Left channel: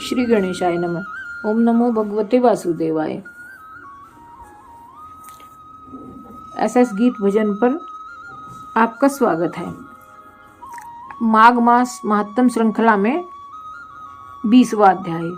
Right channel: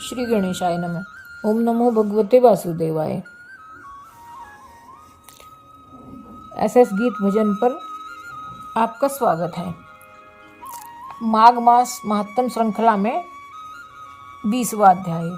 श्री गणेशाय नमः। ओम नमो भगवते वासुदेवाय। एसएस गीत भजन पर आपका स्वागत है। माघ मास महात्म श्रृंखला में 20वां अध्याय।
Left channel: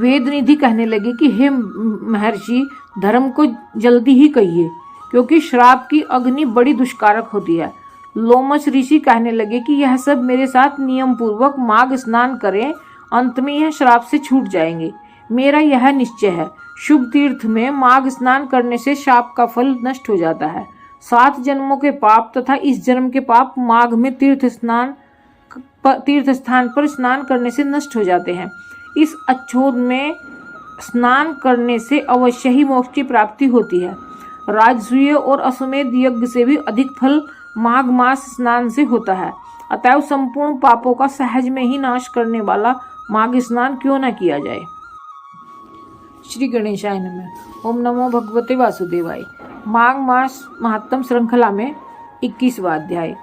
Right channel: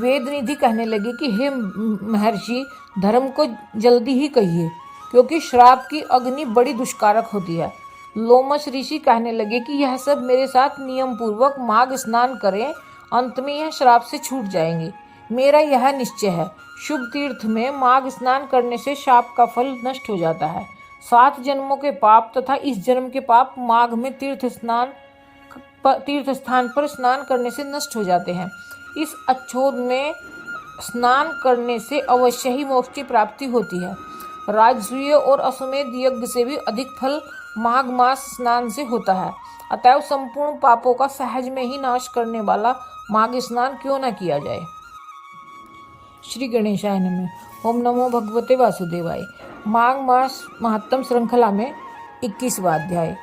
वेद निधि कहने लगे कि हे महर्षि, धर्म को जल्दी ही कहिए, क्योंकि श्राप की अग्नि बड़ी दुष्कारक होती है। लोमश ऋषि कहने लगे कि यह सब मेरे साथ नियम पूर्वक माघ स्नान करें, अंत में यह श्राप से छूट जाएंगे। मेरा यह निश्चय है, शुभ तीर्थ में माघ स्नान करने से शाप का फल नष्ट हो जाता है। 7 जन्मों के पाप तथा इस जन्म के पाप माघ में तीर्थ स्थान पर स्नान करने से नष्ट हो जाते हैं। इस अच्छोद में स्नान करने से अवश्य ही मोक्ष की प्राप्ति होती है। राजसूय और अश्वमेध यज्ञ से भी अधिक फल माघ मास स्नान से होता है। अतएव संपूर्ण पापों का सहज में ही नाश करने वाला माघ स्नान क्यों न किया जाए। श्री गणेशाय नमः। ओम नमो भगवते वासुदेवाय। माघ मास महात्म श्रृंखला में 21वां अध्याय।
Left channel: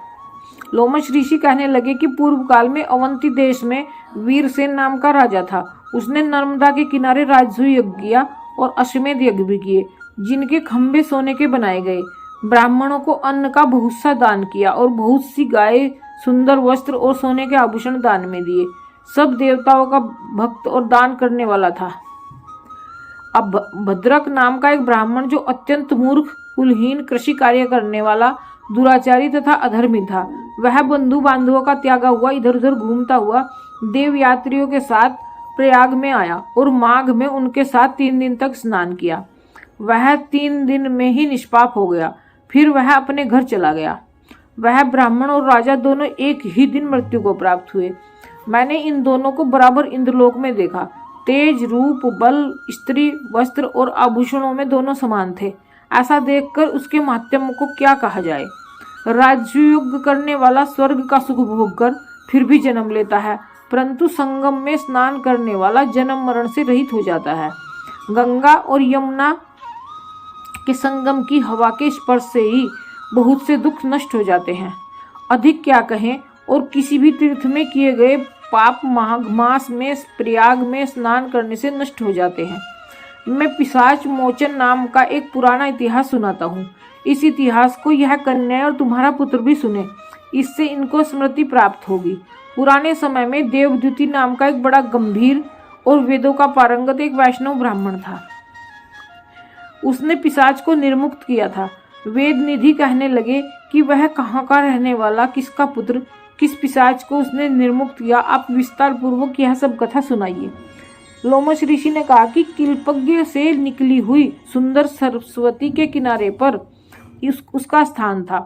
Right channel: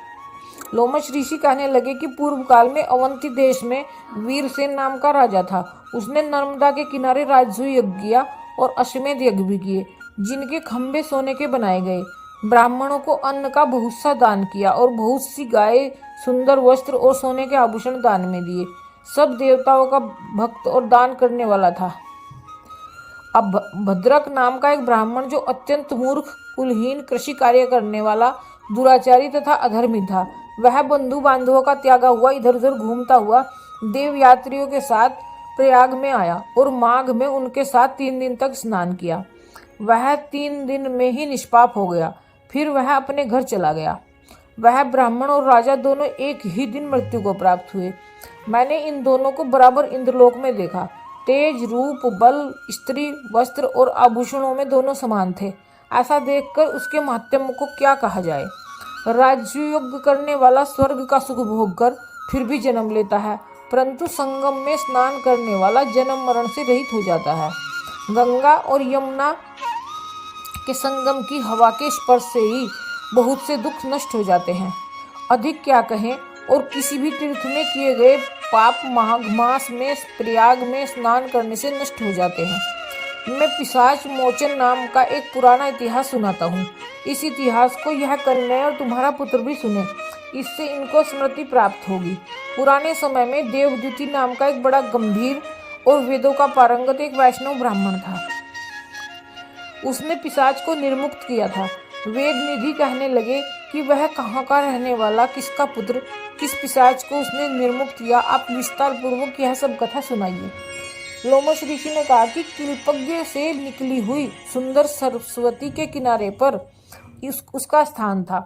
लोमश ऋषि कहने लगे कि पूर्व काल में अवंती देश में वीरसेन नाम का राजा था। उसने नर्मदा के किनारे राजसूय यज्ञ किया और अश्वमेध यज्ञ भी किए, जिनके खंभे सोने के बनाए गए। ब्राह्मणों को अन्न का बहुत सा दान किया और बहुत सी गाय, सुंदर वस्त्र और सोने के आभूषण दान में दिए। सब देवताओं का भक्त और दान करने वाला था। अब भद्रक नाम का एक ब्राह्मण, जो अत्यंत मूर्ख, कुलहीन, कृषि कार्य करने वाला, दुराचारी तथा अधर्मी था, वह बंधु बांधवों का त्यागा हुआ इधर उधर घूमता हुआ देव यात्रियों के साथ प्रयाग में आया और माघ में उनके साथ 3 दिन तक स्नान किया। वह 3 दिन में ही निष्पाप हो गया। फिर वह अपने घर चला गया। वह ब्राह्मण और राजा दोनों एक ही दिन मृत्यु को प्राप्त हुए। मैंने इन दोनों को बराबर इंद्रलोक में देखा। तेज, रूप, बल, स्त्री, वस्त्र और आभूषणों में दोनों समान थे। ऐसा देखकर उसके महात्म्य को क्या कहा जाए। राजयोग करने वाला स्वर्ग का सुख भोग कर फिर भी जन्म लेता है, परंतु संगम में स्नान करने वाला जन्म मरण से रहित हो जाता है। गंगा और यमुना के संगम की हवा के स्पर्श से ही बहुत से दुख नष्ट हो जाते हैं। अधिक क्या कहें, और किसी भी तीर्थ में किए गए पाप माघ मास में प्रयाग में स्नान करने से नष्ट हो जाते हैं। मैं पिशाच मोचन नाम का एक पुराना इतिहास सुनाता हूँ। इस इतिहास को यह कन्या और तुम्हारा पुत्र भी सुने, इससे इनको स्मृति प्राप्त होगी। पुराने समय में देवद्युति नाम का एक बड़ा गंभीर और वेदों का पारंगत एक वैष्णव ब्राह्मण था। उसने पिशाच को निर्मुक्त किया था। वेद निधि कहने लगे कि वह कहाँ का रहने वाला, किसका पुत्र, किस पिशाच को उसने निर्मुक्त किया, आप विस्तार पूर्वक यह सब कथा सुनाइए। लोमश ऋषि ने कहा कि किल्पज्ञ से निकली हुई सुंदर सरस्वती के किनारे पर उसका स्थान था।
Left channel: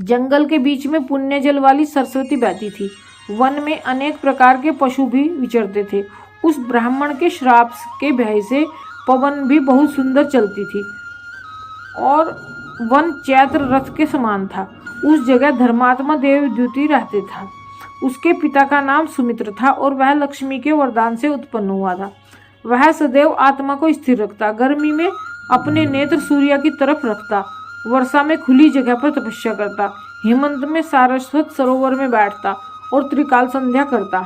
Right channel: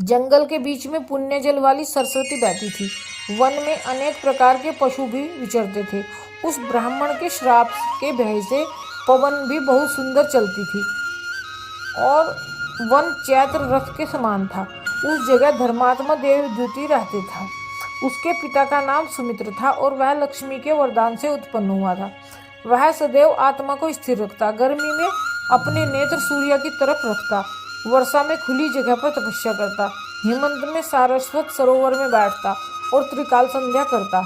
जंगल के बीच में पुण्य जल वाली सरस्वती बहती थी। वन में अनेक प्रकार के पशु भी विचरते थे। उस ब्राह्मण के श्राप के भय से पवन भी बहुत सुंदर चलती थी और वन चैत्र रथ के समान था। उस जगह धर्मात्मा देवद्युति रहते था। उसके पिता का नाम सुमित्र था और वह लक्ष्मी के वरदान से उत्पन्न हुआ था। वह सदैव आत्मा को स्थिर रखता, गर्मी में अपने नेत्र सूर्य की तरफ रखता, वर्षा में खुली जगह पर तपस्या करता, हेमंत में सारस्वत सरोवर में बैठता और त्रिकाल संध्या करता।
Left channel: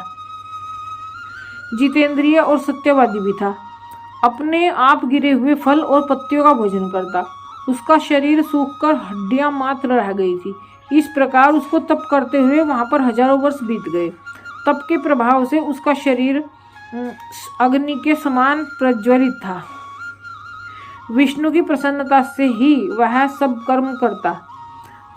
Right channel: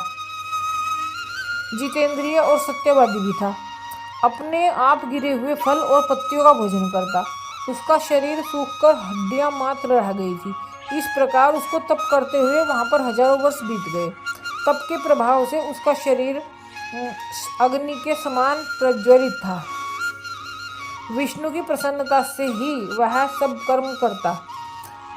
जितेंद्रिय और सत्यवादी भी था। अपने आप गिरे हुए फल और पत्तियों का भोजन करता। उसका शरीर सूखकर हड्डियां मात्र रह गई थी। इस प्रकार उसको तप करते हुए वहां पर हजारों वर्ष बीत गए। तप के प्रभाव से उसका शरीर अग्नि के समान प्रज्वलित था। विष्णु की प्रसन्नता से ही वह सब कर्म करता।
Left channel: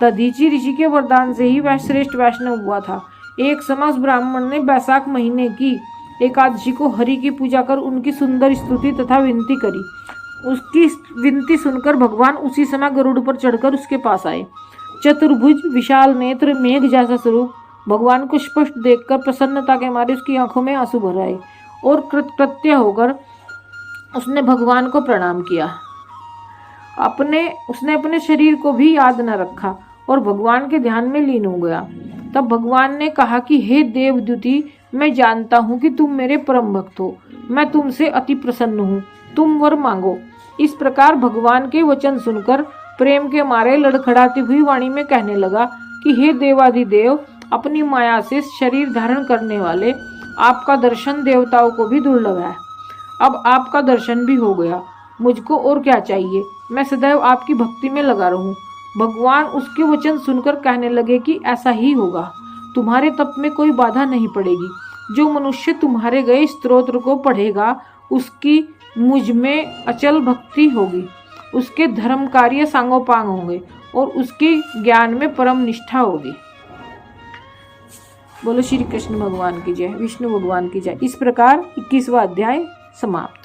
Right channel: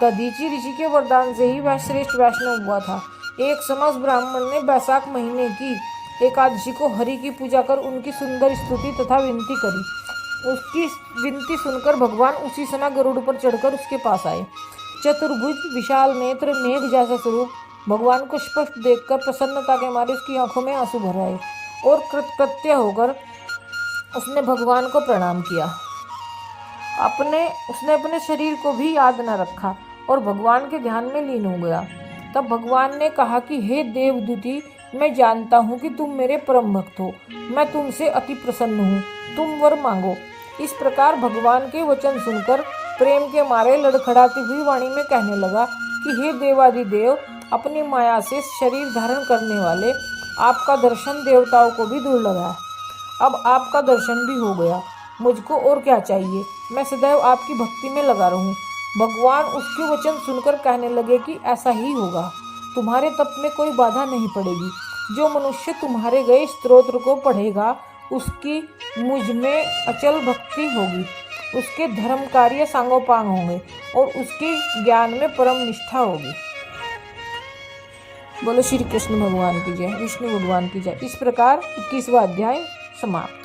दधीचि ऋषि के वरदान से ही वह श्रेष्ठ वैष्णव हुआ था। एक समय उस ब्राह्मण ने बैसाख महीने की एकादशी को हरि की पूजा कर उनकी सुंदर स्तुति तथा विनती करी। उसकी विनती सुनकर भगवान उसी समय गरुड़ पर चढ़कर उसके पास आए। चतुर्भुज, विशाल नेत्र, मेघ जैसा स्वरूप, भगवान को स्पष्ट देखकर प्रसन्नता के मारे उसकी आंखों में आंसू भर आए और कृतकृत्य होकर उसने भगवान को प्रणाम किया। उसने अपने शरीर को भी याद न रखा और भगवान के ध्यान में लीन हो गया। तब भगवान ने कहा कि हे देवद्युति, मैं जानता हूँ कि तुम मेरे परम भक्त हो। मैं तुमसे अति प्रसन्न हूँ, तुम वर मांगो। इस प्रकार भगवान के वचन सुनकर प्रेम के मारे लड़खड़ाती हुई वाणी में कहने लगा कि हे देवाधिदेव, अपनी माया से शरीर धारण करने वाले आपका दर्शन देवताओं को भी दुर्लभ है। अब आपका दर्शन भी हो गया, मुझको और क्या चाहिए। मैं सदैव आपकी भक्ति में लगा रहूं। भगवान उसके वचन सुनकर कहने लगे कि ऐसा ही होगा, तुम्हारे तप में कोई बाधा नहीं पड़ेगी। जो मनुष्य तुम्हारे गए स्तोत्र को पढ़ेगा उसकी मुझ में अचल भक्ति होगी, उसके धर्म कार्य सांगोपांग होंगे और उसके ज्ञान में परम निष्ठा होगी। बोलो श्री कृष्ण भगवान की जय, विष्णु भगवान की जय। इस प्रकार 21वां अध्याय समाप्त।